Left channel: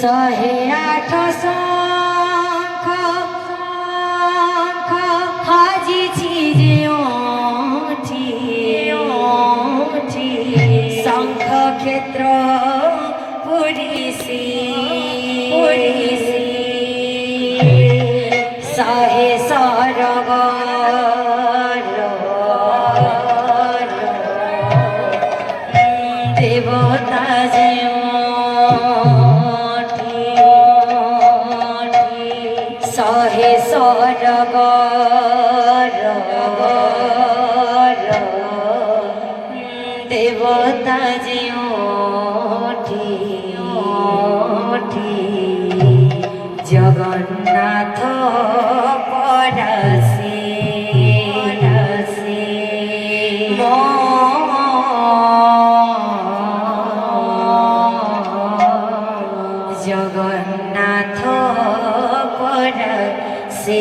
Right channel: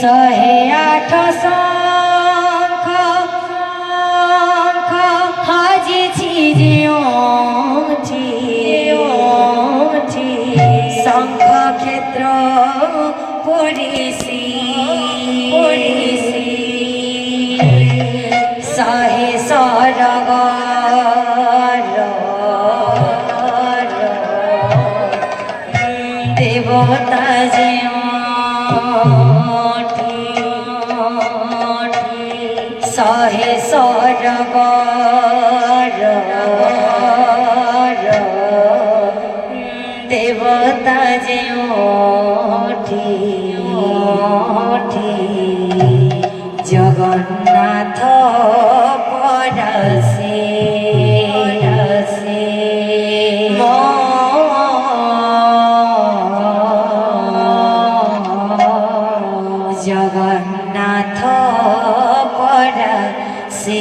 ଶହେ ଆଠ ଶଙ୍ଖ ବାଜିଛି ଯେଉଁଠି ଶଙ୍ଖ କ୍ଷେତ୍ର ପଡ଼ିଛି ଶହେ ସରଗର ଦେବତା ଶହେ ସରଗର ଦେବତା ଯେଉଁଠି ଜଗନ୍ନାଥ ପରଶେ জগন্নাথ পরশে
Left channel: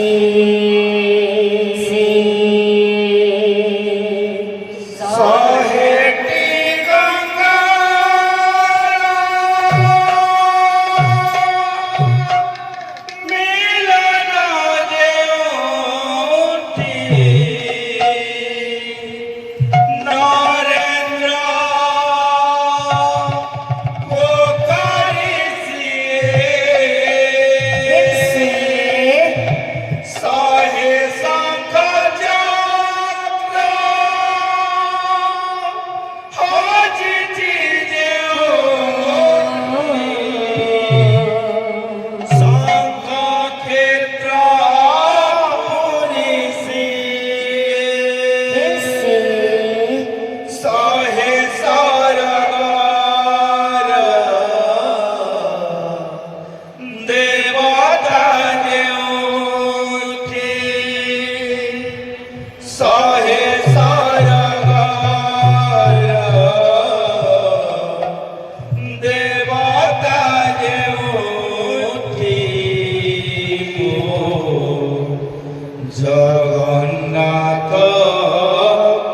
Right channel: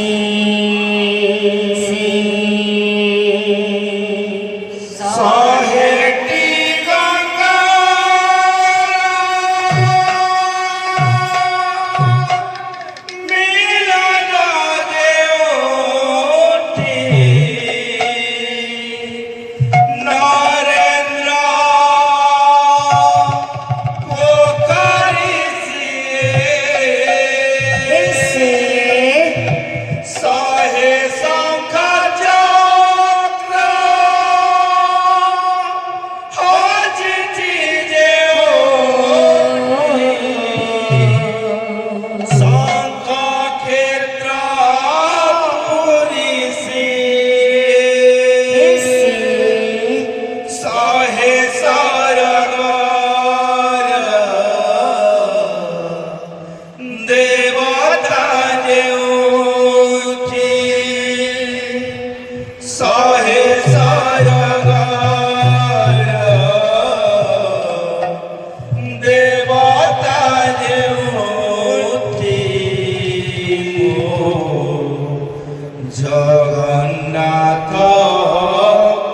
জগন্নাথ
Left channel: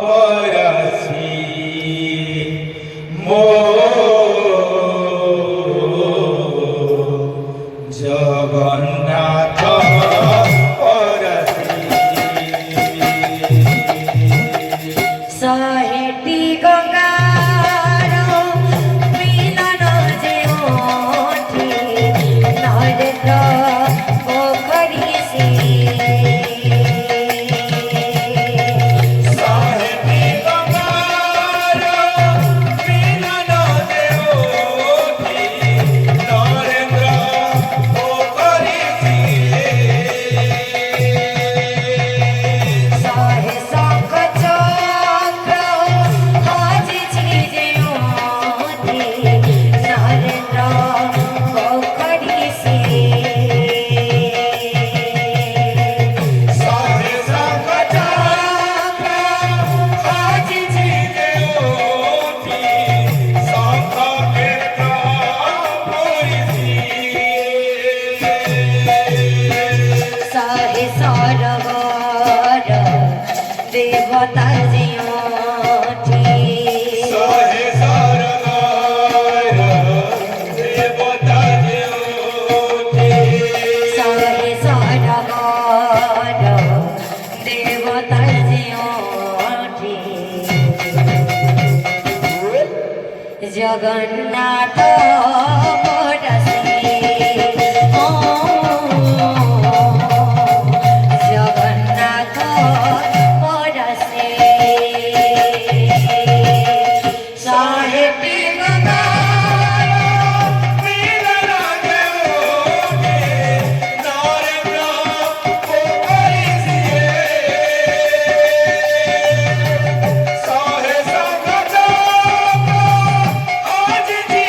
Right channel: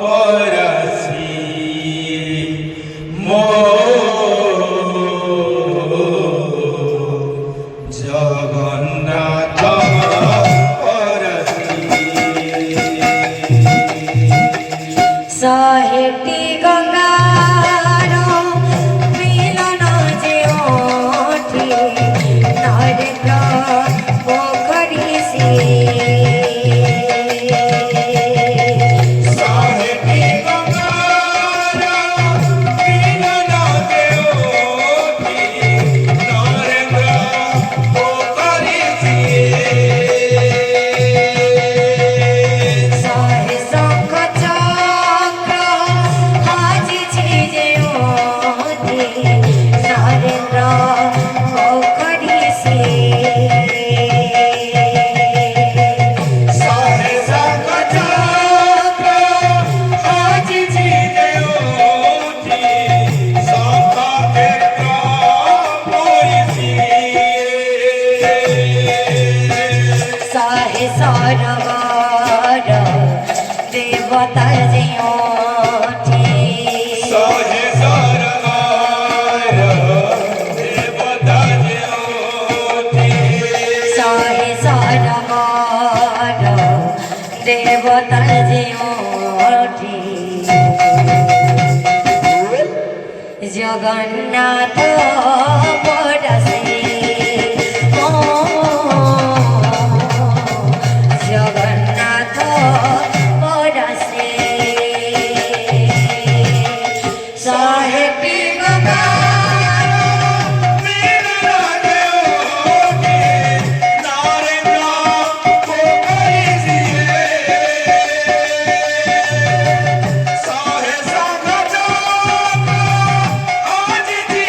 পরশে জগন্নাথ পরশে শহেটি গঙ্গার মিলন ଯେଉଁଠି নরেন্দ্র পোখরী সে দেবতা ଯେଉଁଠି শহে ସରଗର ଦେବତା ଯେଉଁଠି ଶହେ ସରଗର ଦେବତା ଯେଉଁଠି ଜଗନ୍ନାଥ ପରଶେ জগন্নাথ পরশে শহেটি গঙ্গার মিলন ଯେଉଁଠି নরেন্দ্র পোখরী শহে শঙ্খ চক্র বাজিছি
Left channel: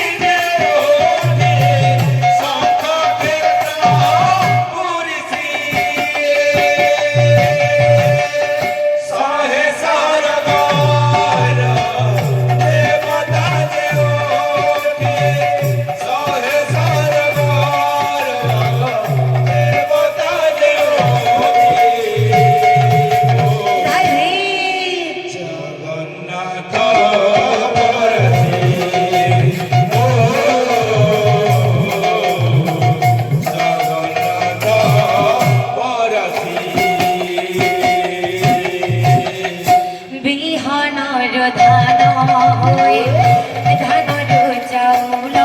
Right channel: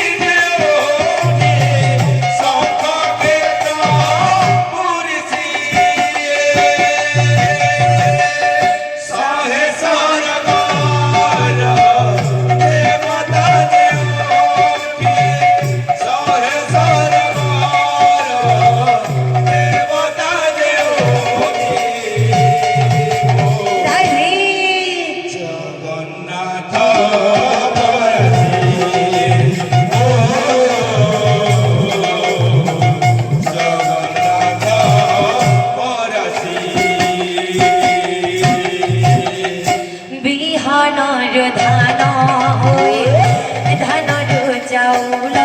ଚାଉଳ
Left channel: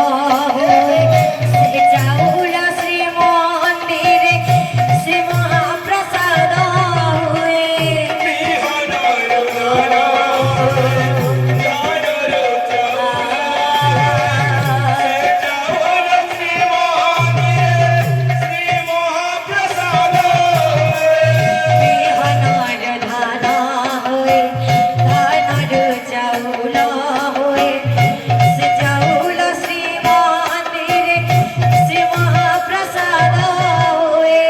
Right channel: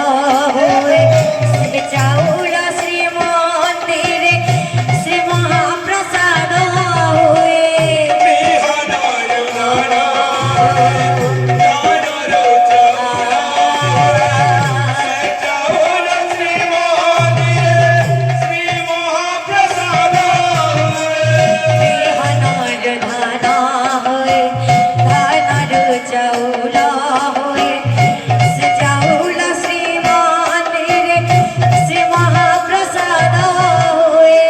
ହୁଏ ସେ ଚାଉଳ ଶ୍ରୀମନ୍ଦିରେ ଶ୍ରୀ ମହାପ୍ରସାଦ ହୁଏ ବିହନର ଧାନ ହୁଏ ଧାନରୁ ଚାଉଳ ହୁଏ ସେ ଚାଉଳ ଶ୍ରୀମନ୍ଦିରେ ଶ୍ରୀ ମହାପ୍ରସାଦ ହୁଏ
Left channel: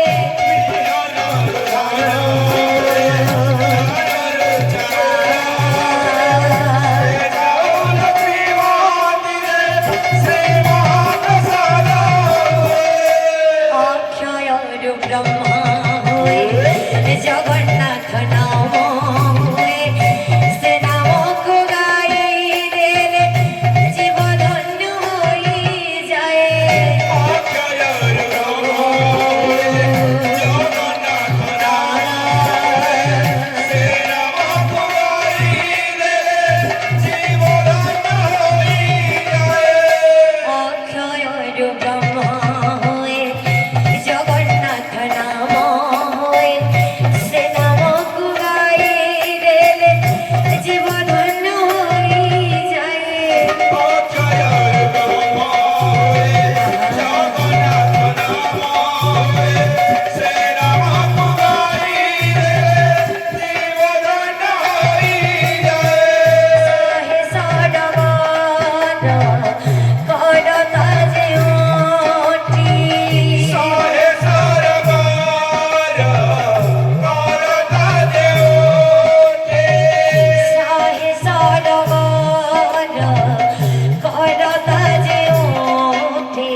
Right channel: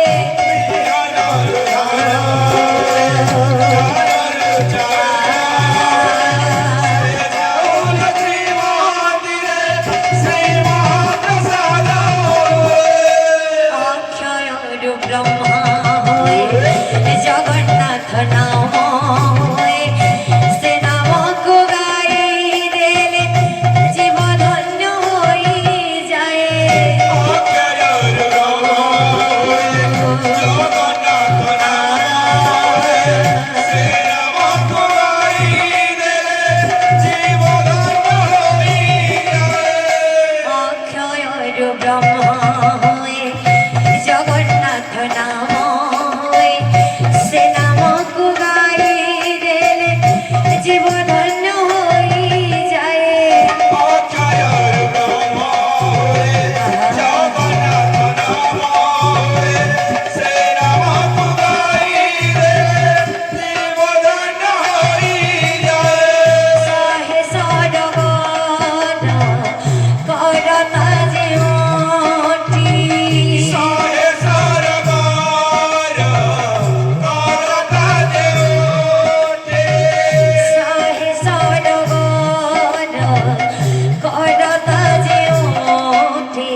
ଅକ୍ଷୟରୁ ବ୍ରହ୍ମା ହୁଏ ଜଗନ୍ନାଥ ନାମ ହୁଏ ସେ ନାମକୁ ଗାଇଦେଲେ ଜୀବ ଧନ୍ୟ ହୋଇଯାଏ ଅକ୍ଷୟରୁ ବ୍ରହ୍ମା ହୁଏ ଜଗନ୍ନାଥ ନାମ ହୁଏ ସେ ନାମକୁ ଗାଇଦେଲେ ଜୀବ ଧନ୍ୟ ହୋଇଯାଏ ସାହେ ସଡ଼ଗର କରତା ଯେଉଁଠି ସାହେ ସଡ଼ଗର କରତା ଯେଉଁଠି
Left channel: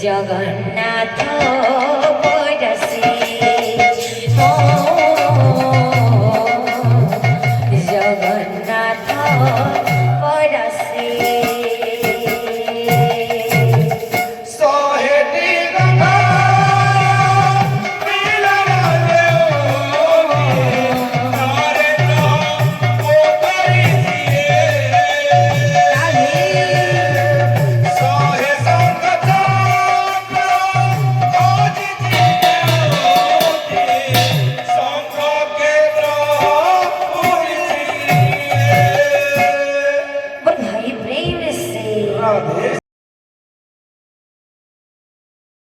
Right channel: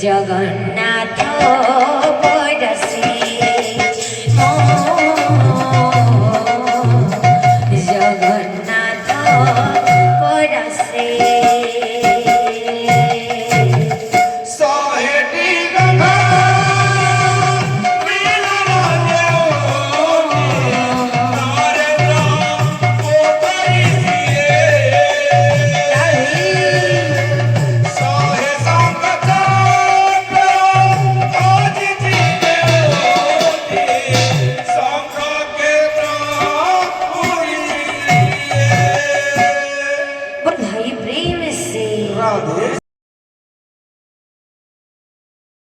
ଜଗନ୍ନାଥ ପରସି ଜଗନ୍ନାଥ ପରସି भाई प्रेम से